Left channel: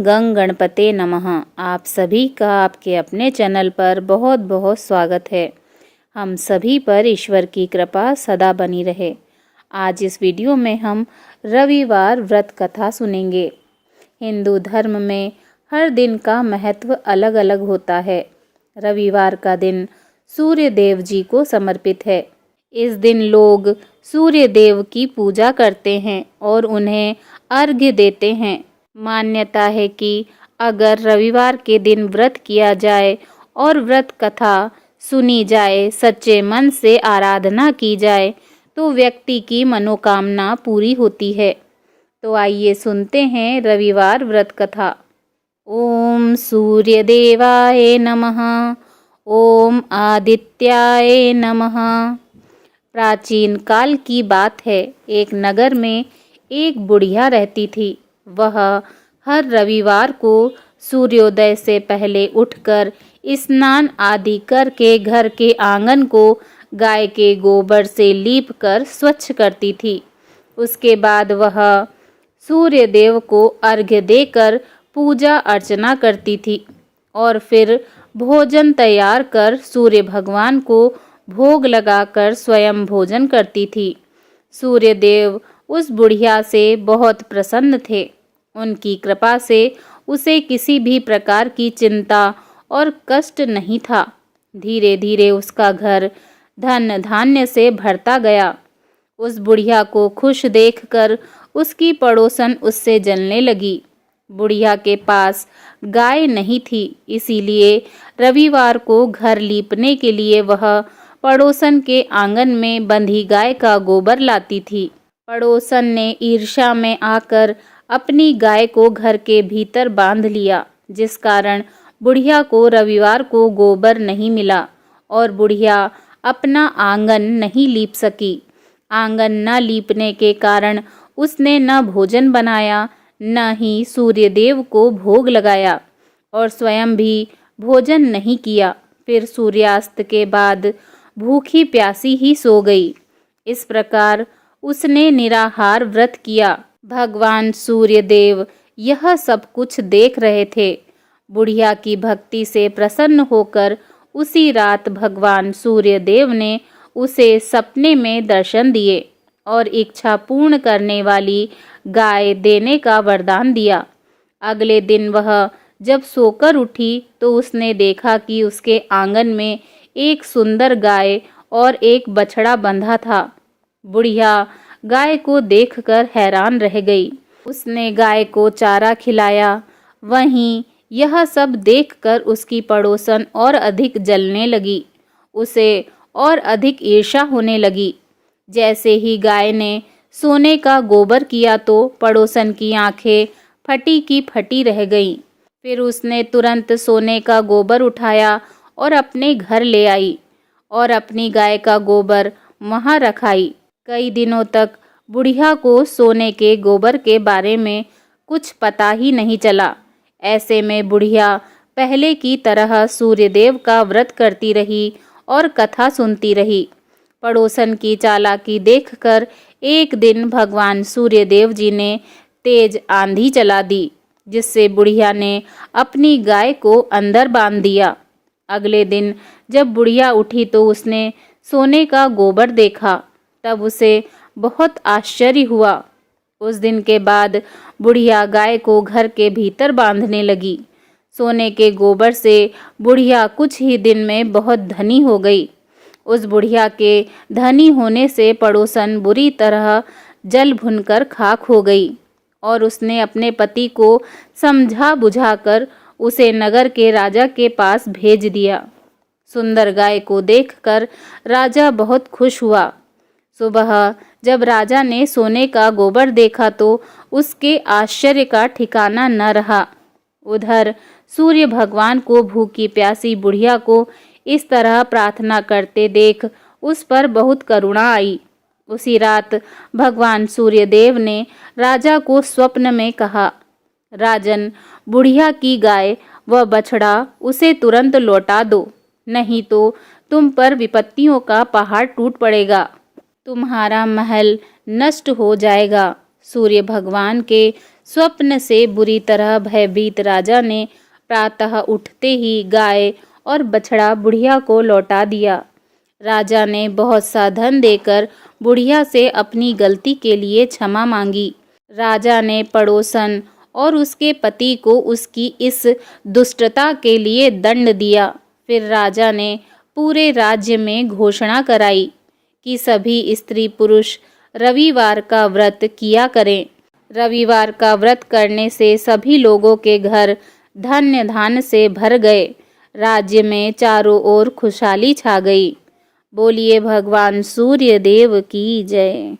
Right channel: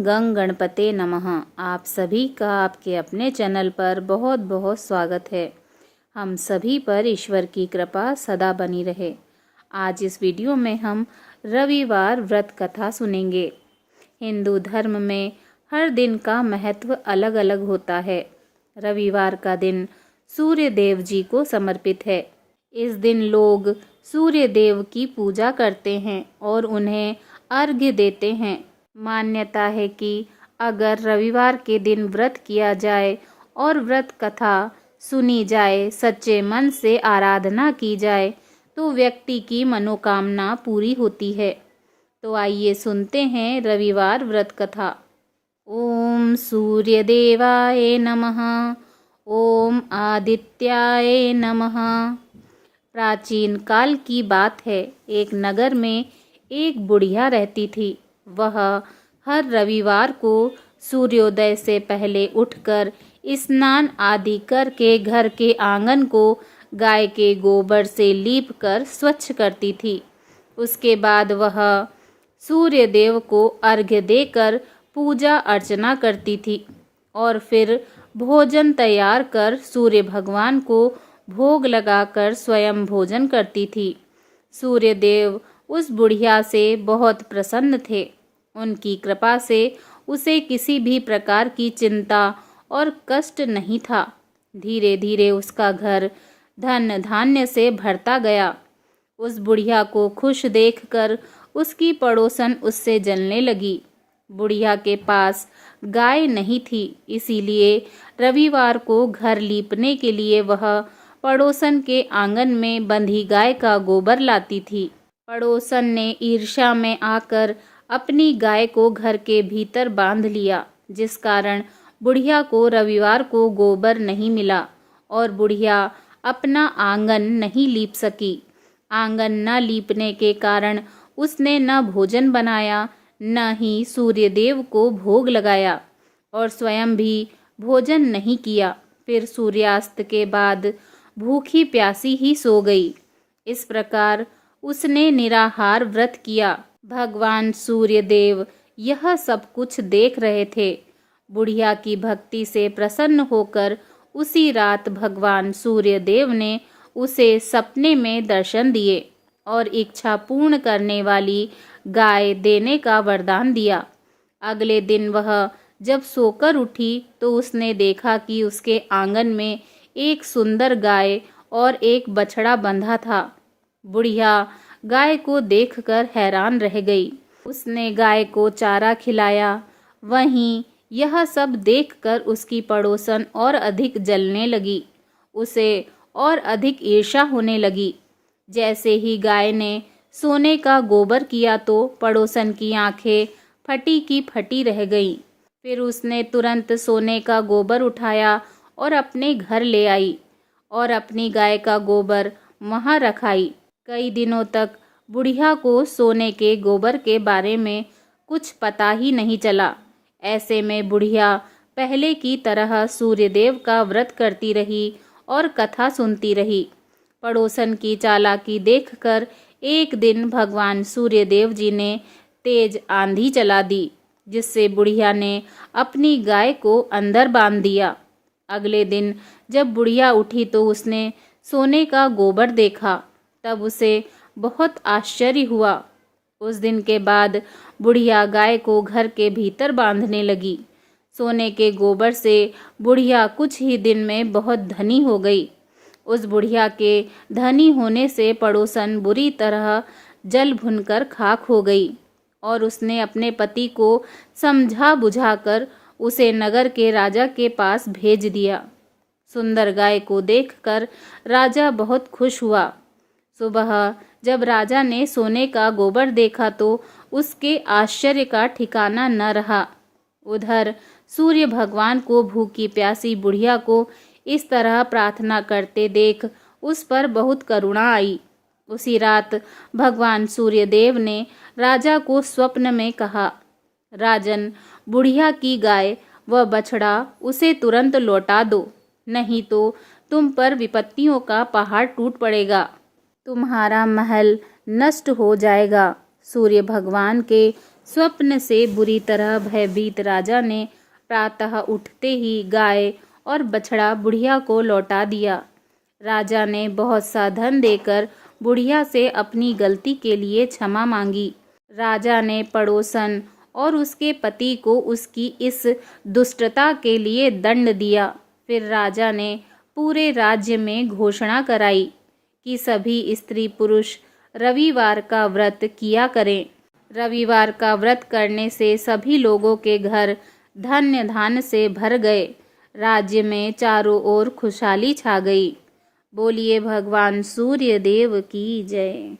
गंग गणपते नमः। आप सभी का आपके अपने चैनल पर बहुत बहुत स्वागत है। हम सभी पर ईश्वर की कृपा सदा बनी रहे। आज इस वीडियो में हम रविवार व्रत कथा सुनेंगे। हिंदू धर्म में हर दिन का महत्व अलग अलग होता है। रविवार का दिन सूर्य देव जी को समर्पित है। इस दिन लोग सूर्य देव की पूजा करते हैं और उन्हें अर्घ्य देते हैं। मान्यता है कि अगर रविवार के दिन व्रत किया जाए और व्रत कथा सुनी जाए, सच्चे मन से आराधना की जाए तो व्यक्ति की मनोकामना पूरी होती है। तो आइए सुनते हैं रविवार व्रत कथा। ओम सूर्य देवाय नमः। ओम आदित्याय नमः। प्राचीन काल की बात है। एक नगर में एक बुढ़िया रहती थी। वह हर रविवार को सूर्योदय से पहले उठकर स्नान आदि करके घर के आंगन को गाय के गोबर से लीप कर स्वच्छ करती थी। उसके बाद वह सूर्य देव को अर्घ्य देकर पूजा अर्चना करती थी और फिर भोजन तैयार कर सूर्य भगवान को भोग लगाकर स्वयं भोजन करती थी। सूर्य देव उस बुढ़िया से बहुत प्रसन्न थे। उनकी कृपा से उसे किसी भी प्रकार की चिंता और कष्ट नहीं था। धीरे धीरे उसका घर धन धान्य से भरता गया। उस बुढ़िया को खुश देखकर उसकी पड़ोसन उससे जलने लगी। बुढ़िया के पास गाय नहीं थी, इसीलिए रविवार को घर लीपने के लिए वह पड़ोसन के आंगन में बंधी गाय का गोबर लाती थी। पड़ोसन ने ईर्ष्या में आकर अपनी गाय को घर के भीतर बांध लिया, जिस कारण बुढ़िया को रविवार को गोबर नहीं मिला और बुढ़िया अपना आंगन नहीं लीप सकी। आंगन न लीपने के कारण उसने न भोजन बनाया, न ही सूर्यदेव को भोग लगाया और स्वयं भी भोजन नहीं किया। फिर सूर्यास्त के बाद भूखी प्यासी ही सो गई। इस प्रकार उसने निराहार व्रत किया। भगवान सूर्यदेव यह सब कुछ देख रहे थे। बुढ़िया की भक्ति से प्रसन्न होकर उसी रात भगवान सूर्यदेव ने उसे सपने में दर्शन दिए और इच्छा पूर्ण करने वाली गाय देने का वरदान दिया। अगले दिन वह जब सोकर उठी तो उसने देखा कि उसके आंगन में एक सुंदर गाय और एक बछड़ा बंधा था। बुढ़िया गाय को देखकर हैरान रह गई। उसने गाय को चारा खिलाया। वहीं यह सब देखकर उसकी पड़ोसन और अधिक जलने लगी। उसे और अधिक ईर्ष्या होने लगी। जैसे ही गाय ने सोने का गोबर किया तो पड़ोसन की आंखें फटी की फटी रह गईं। फिर उसने तुरंत सोने का गोबर उठाया और अपने घर ले आई और अपनी गाय का गोबर वहां रखाई। कई दिनों तक बुढ़िया को सोने के गोबर के बारे में कुछ पता ही नहीं चला। ऐसे में बुढ़िया पहले की तरह सूर्यदेव का व्रत करती रही और कथा सुनती रही। पड़ोसन की चालाकी देखकर एक दिन भगवान सूर्यदेव जी ने तेज आंधी चला दी, जिससे बुढ़िया ने अपनी गाय को अंदर बांध दिया। अगले दिन जब बुढ़िया उठी तो उसने सोने का गोबर देखा। तब उसे बहुत आश्चर्य हुआ। उस दिन के बाद बुढ़िया गाय को घर के भीतर बांधने लगी। सोने के गोबर से बुढ़िया कुछ ही दिन में बहुत धनी हो गई। उस बुढ़िया के धनी होने से पड़ोसन बुरी तरह जल भुनकर खाक हो गई और उसने अपने पति को समझा बुझाकर उसे नगर के राजा के पास भेज दिया। सुंदर गाय को देखकर राजा बहुत खुश हुआ। सुबह जब राजा ने सोने का गोबर देखा तो उसके आश्चर्य का ठिकाना न रहा। उधर सूर्य भगवान को भूखी प्यासी बुढ़िया को इस तरह प्रार्थना करते देख उस पर बहुत करुणा आई। उसी रात भगवान सूर्यदेव ने राजा को स्वप्न में कहा, राजन, बुढ़िया की गाय व बछड़ा उसे तुरंत लौटा दो, नहीं तो तुम पर विपत्तियों का पहाड़ टूट पड़ेगा। तुम्हारा महल नष्ट हो जाएगा। सूर्य भगवान के स्वप्न से बुरी तरह भयभीत राजा ने प्रातः उठते ही गाय और बछड़ा बुढ़िया को लौटा दिया। राजा ने बहुत सा धन देकर बुढ़िया से अपनी गलती के लिए क्षमा मांगी। राजा ने पड़ोसन और उसके पति को उसकी इस दुष्टता के लिए दंड दिया। फिर राजा ने पूरे राज्य में घोषणा कराई कि सभी स्त्री पुरुष रविवार का व्रत किया करें। रविवार का व्रत करने से सभी लोगों के घर धन्य धान्य से भर गए। राज्य में चारों ओर खुशहाली छा गई। बोलिए भगवान सूर्य देव की जय।